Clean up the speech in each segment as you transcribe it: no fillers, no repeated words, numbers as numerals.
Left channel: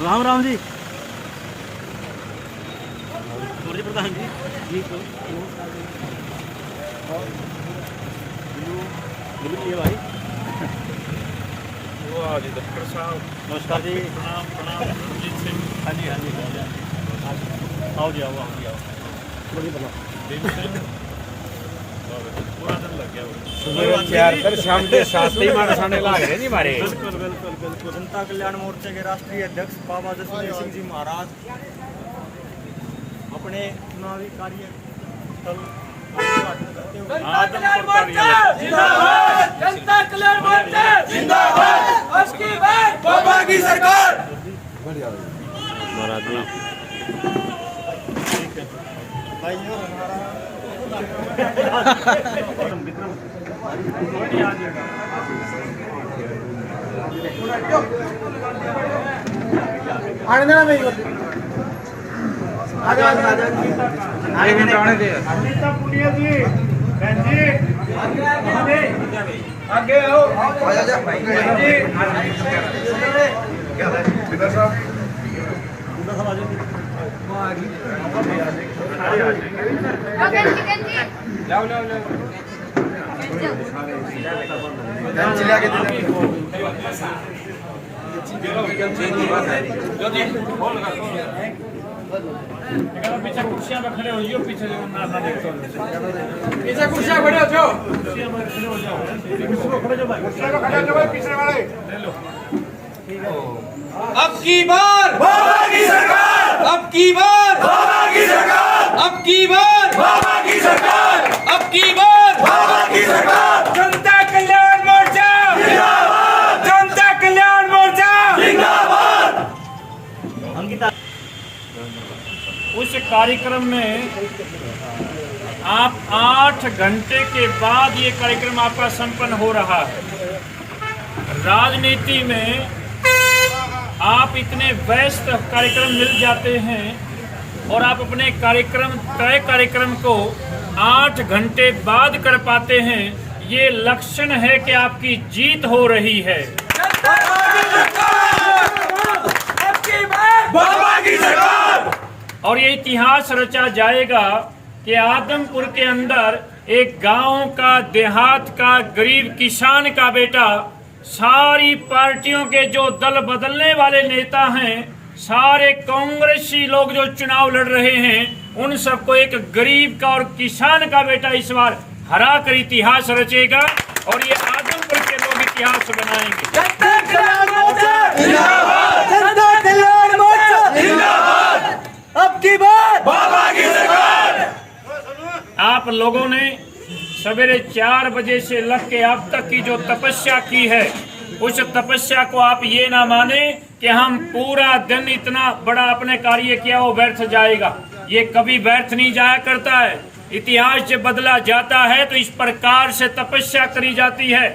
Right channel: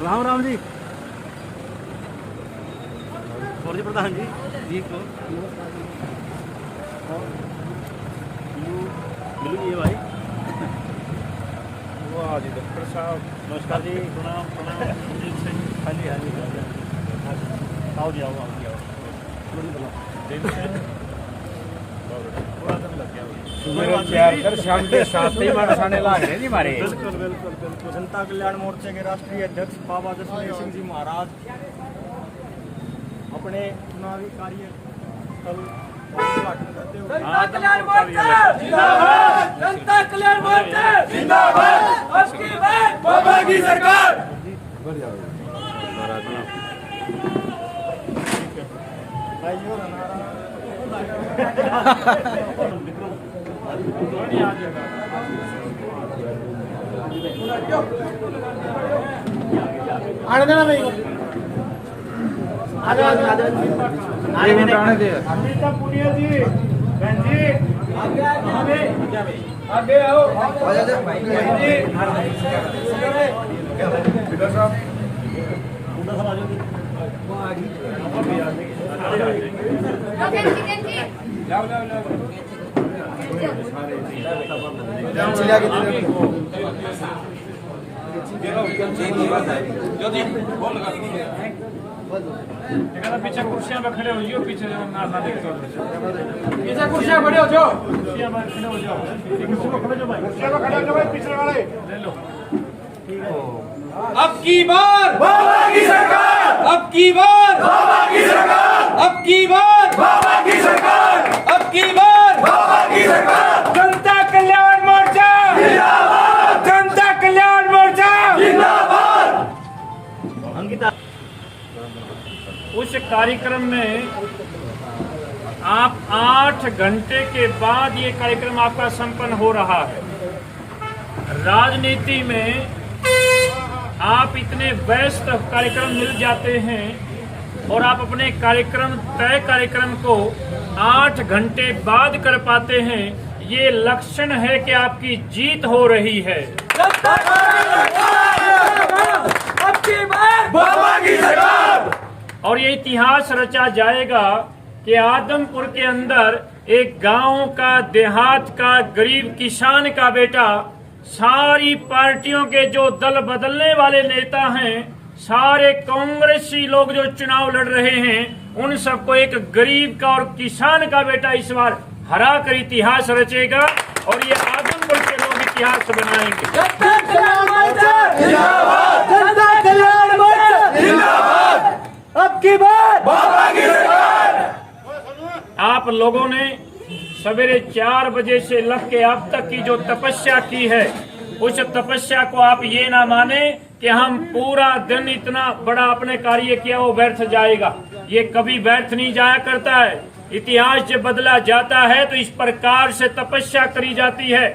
राम राम जी, मुरली प्रधान जी जी नमस्कार जी भाई। वाह जी डॉक्टर साहब नमस्कार जी, प्रणाम प्रणाम रंजीत सिंह। हाँ जी हाँ जी हाँ जी आओ जी आओ जी आओ। दिन सिंह पूरा दिन लग गया शाम के 7 ही मसाने लाग रहे जी हमारे। बिल्कुल बिल्कुल बिल्कुल। जनता कल्याण मोर्चे के राष्ट्रीय अध्यक्ष बाबा जसवीर सिंह जी महाराज अपने चुनावी कार्य स्थल जनता कल्याण मोर्चा जिंदाबाद, अब की बार बाबा की सरकार। ठीक है अनीता पुनिया जी, बहन जी आगे आओ। पीछे कुर्सियां पे खड़े हो जाओ, पीछे जो ना देखते हो पीछे कुर्सियां खड़े हो जाओ, कुर्सियां पे खड़े हो जाओ, कुर्सी पर खड़े जाओ भाई। कुर्सियां पे खड़े हो जाओ पीछे वाले। ले लो। अब की बार बाबा की सरकार, अब की बार बाबा की सरकार, अब की बार बाबा की सरकार, अब की बार बाबा की सरकार। जनता कल्याण मोर्चा जिंदाबाद, जनता कल्याण मोर्चा जिंदाबाद। अंकिता उस कार्यक्रम में आप 8 घंटे के बाद ये कार्यक्रम आपका संपन्न हो रहा है। राजनीति में आप इतने व्यस्त कार्यक्रम मिल जाते हैं और आप अपने तय कार्यक्रम को 8 घंटे बाद कर पाते हैं, ये लक्षण है कि आपकी जीत हो रही है। बाबा की सरकार। और ये इतिहास रचा जाएगा कि आदमपुर के अंदर एक गांव का, देहात का, गरीब किसान का बेटा सारी पार्टियों के जो दल बदलने वाले नेता हैं, सारे कांग्रेसी लोग जो चुनाव लड़ रहे हैं, उन सबको एक गरीब का और किसान का बेटा इस बार हरा कर इतिहास रचेगा और ये आदमपुर के लोग इतिहास बनाएंगे। जनता कल्याण मोर्चा जिंदाबाद, जनता कल्याण मोर्चा जिंदाबाद, अब की बार बाबा की सरकार। आप लोगों ने सवेरे 4 बजे से लग के अब तक की जो तपस्या की है, उस तपस्या को आप ये ना माने कि हम पूरा दिन इतना बड़ा अपने कार्य किया वो व्यर्थ जाएगा। ये कभी व्यर्थ नहीं जाया करता है। इतिहास जब बदला जाता है तो इस प्रकार से तपस्या करी जाती है।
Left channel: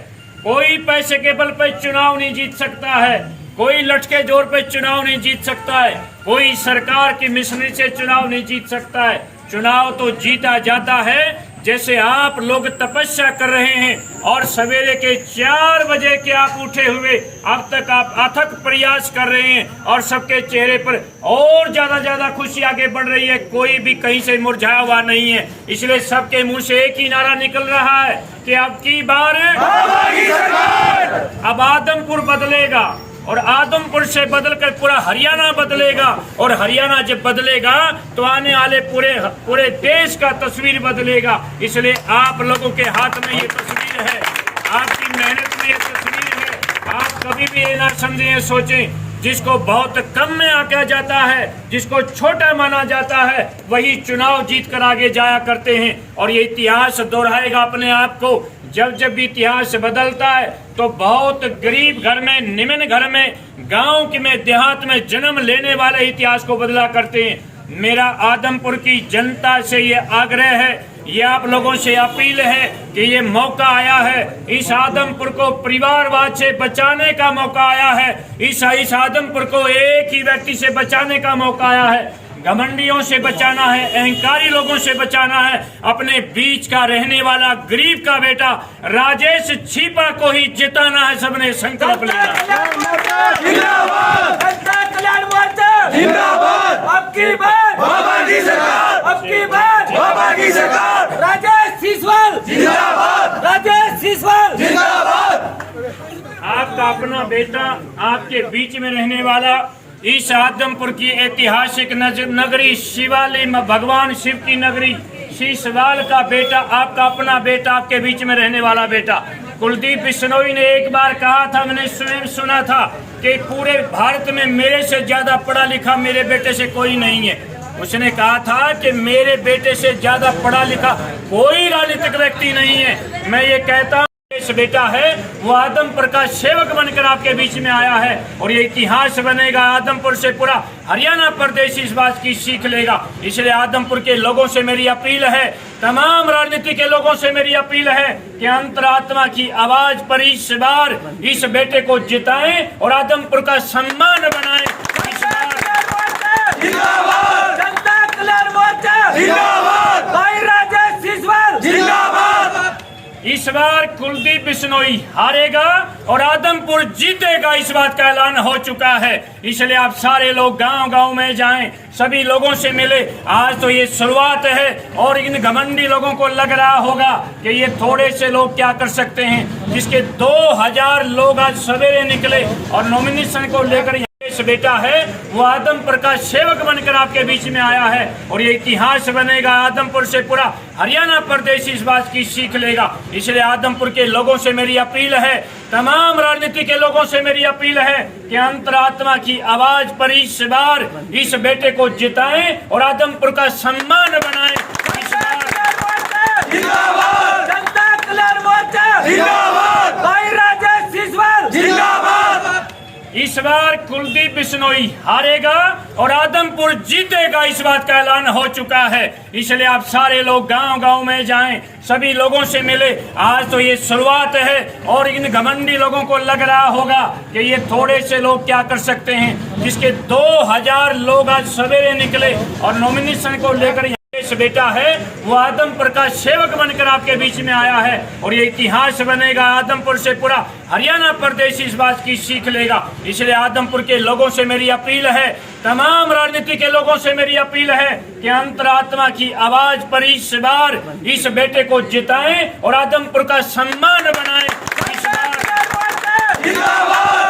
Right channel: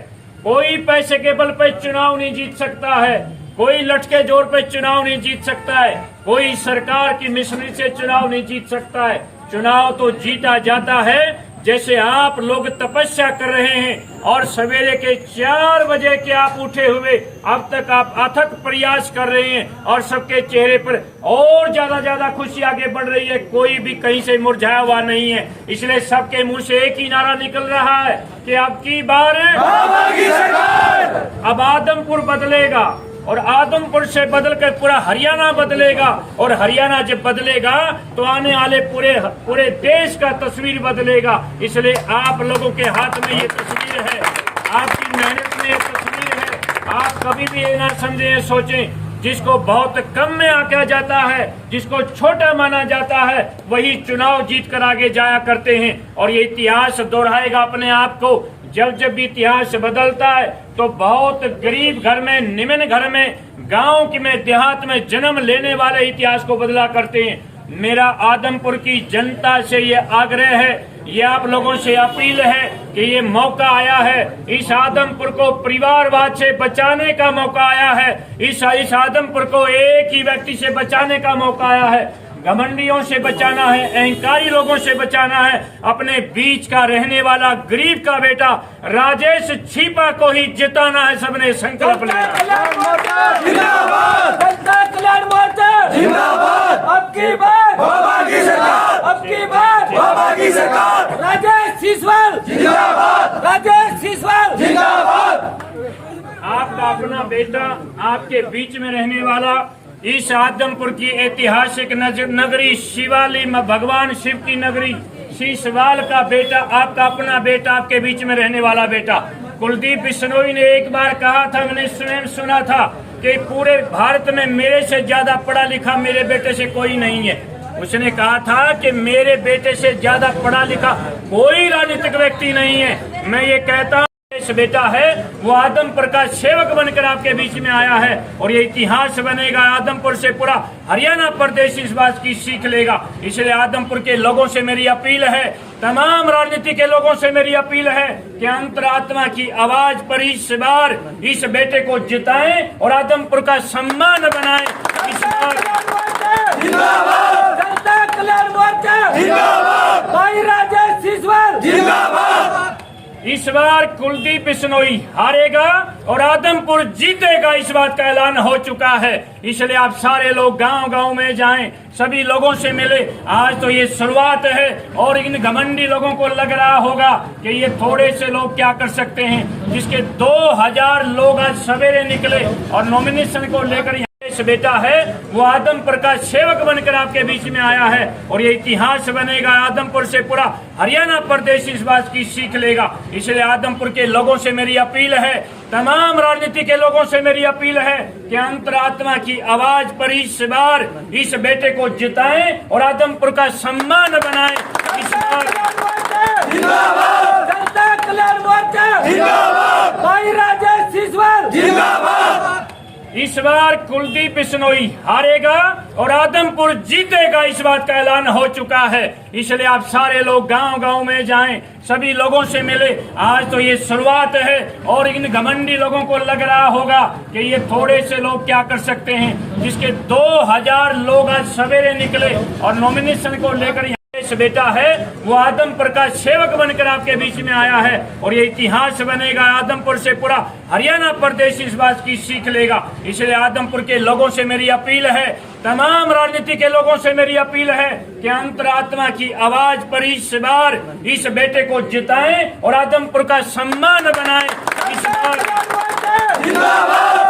कोई पैसे के बल पर चुनाव नहीं जीत सकता है, कोई लटके जोर पे चुनाव नहीं जीत सकता है, कोई सरकार की मिशनरी से चुनाव नहीं जीत सकता है। चुनाव तो जीता जाता है जैसे आप लोग तपस्या कर रहे हैं और सवेरे के 4 बजे के आप उठे हुए अब तक आप अथक प्रयास कर रहे हैं और सबके चेहरे पर और ज्यादा खुशी आगे बढ़ रही है। कोई भी कहीं से मुरझाया हुआ नहीं है। इसलिए सबके मुंह से एक ही नारा निकल रहा है कि अब की बार बाबा की सरकार। अब आदमपुर बदलेगा और आदमपुर से बदलकर पूरा हरियाणा बदलेगा और हरियाणा जब बदलेगा तो आने वाले पूरे देश का तस्वीर बदलेगा। इसलिए आप लोगों के हाथ में ये तस्वीर है, आपकी मेहनत में ये तस्वीर है। आप कभी भी ये ना समझें, सोचें जिसको बहुत कम में आंका जाता है, जिसको छोटा माना जाता है, वही चुनाव जीत कर आगे जाया करते हैं। और ये इतिहास दोहराएगा अपने आप को। जब जब भी इतिहास बदलता है तो बहुत गरीब घर में, निम्न घर में, गांव के में, देहात में जन्म लेने वाले इतिहास को बदला करते हैं। मेरा आदमपुर की जनता से ये आग्रह है, ये आप लोगों से अपील है कि ये मौका आया है, इस आदमपुर को परिवारवाद से बचाने का मौका आया है, इस आदमपुर को एक ही व्यक्ति से बचाने का मौका आया है। घमंडियों से बचाना है, अहंकारी लोगों से बचाना है। अपने बीच का रहने वाला गरीब का बेटा राजेश छीपा को ही जिताना है। सबने संकल्प लेना है। जनता कल्याण मोर्चा जिंदाबाद। अब की बार बाबा की सरकार, अब की बार बाबा की सरकार। राजेश सीसवाल जिंदाबाद, राजेश सीसवाल जिंदाबाद। आपका अपना बेटा, आपके बीच में रहने वाला, इस आदमपुर की ऐतिहासिक नगरी शिवाली में भगवान शिव की नगरी शीशवाल का बेटा, आपका अपना बेटा, आपके बीच में रहने वाला बेटा कुलदीप बिश्नोई ने एक बार कहा था, मैंने स्वयं सुना था कि पूरे भारत में मेरे से ज्यादा पढ़ा लिखा मेरे बेटे से कोई नहीं है। उसने कहा था कि मेरे बेटे से ज्यादा पढ़ा लिखा कोई राजनीतिक व्यक्ति नहीं है। मैं ये कहता हूँ, बेटा है वो आदमपुर का सेवक बनकर आपके बीच में आया है और ये इतिहास बनेगा। आदमपुर से पूरा हरियाणा प्रदेश इस बात की सीख लेगा। इसलिए आदमपुर के लोगों से मेरी अपील है, तमाम राजनीति के लोगों से मेरी अपील है कि अंतरात्मा की आवाज पर इस बार इस बेटे को जिताएं और आदमपुर का सम्मान बनाएं। इस बार जनता कल्याण मोर्चा जिंदाबाद। भाई राजेश सीसवाल जिंदाबाद। इस बार कुलदीप बिश्नोई हारेगा और आदमपुर जीतेगा, इस बात का ऐलान हो चुका है। इसलिए आप सारे लोग गांव-गांव में जाएं, सभी लोगों से मिले। आज तो ये शुरुआत है और इन घमंडी लोगों को लग रहा होगा कि ये थोड़े से लोग क्या कर सकते हैं। जिसके 2000 लोग आज सवेरे निकले और नॉमिनेशन को लेकर बेटा है वो आदमपुर का सेवक बनकर आपके बीच में आया है और ये इतिहास बनेगा। आदमपुर से पूरा हरियाणा प्रदेश इस बात की सीख लेगा। इसलिए आदमपुर के लोगों से मेरी अपील है, तमाम राजनीति के लोगों से मेरी अपील है कि अंतरात्मा की आवाज पर इस बार इस बेटे को जिताएं और आदमपुर का सम्मान बनाएं। इस बार जनता कल्याण मोर्चा जिंदाबाद। भाई राजेश सीसवाल जिंदाबाद। इस बार कुलदीप बिश्नोई हारेगा और आदमपुर जीतेगा, इस बात का ऐलान हो चुका है। इसलिए आप सारे लोग गांव-गांव में जाएं, सभी लोगों से मिले। आज तो ये शुरुआत है और इन घमंडी लोगों को लग रहा होगा कि ये थोड़े से लोग क्या कर सकते हैं। जिसके 2000 लोग आज सवेरे निकले और नॉमिनेशन को लेकर बेटा है वो आदमपुर का सेवक बनकर आपके बीच में आया है और ये इतिहास बनेगा। आदमपुर से पूरा हरियाणा प्रदेश इस बात की सीख लेगा। इसलिए आदमपुर के लोगों से मेरी अपील है, तमाम राजनीति के लोगों से मेरी अपील है कि अंतरात्मा की आवाज पर इस बार इस बेटे को जिताएं और आदमपुर का सम्मान बनाएं। इस बार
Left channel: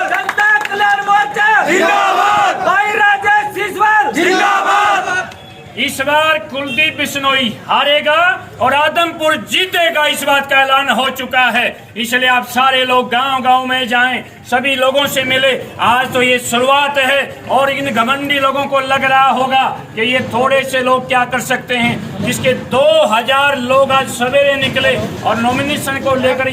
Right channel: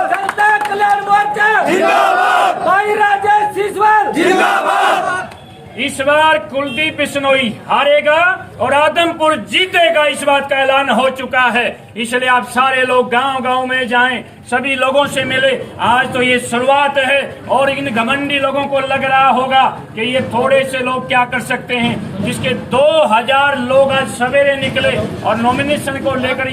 जनता कल्याण मोर्चा जिंदाबाद। भाई राजेश सीसवाल जिंदाबाद। इस बार कुलदीप बिश्नोई हारेगा और आदमपुर जीतेगा, इस बात का ऐलान हो चुका है। इसलिए आप सारे लोग गांव-गांव में जाएं, सभी लोगों से मिले। आज तो ये शुरुआत है और इन घमंडी लोगों को लग रहा होगा कि ये थोड़े से लोग क्या कर सकते हैं। जिसके 2000 लोग आज सवेरे निकले और नॉमिनेशन को लेकर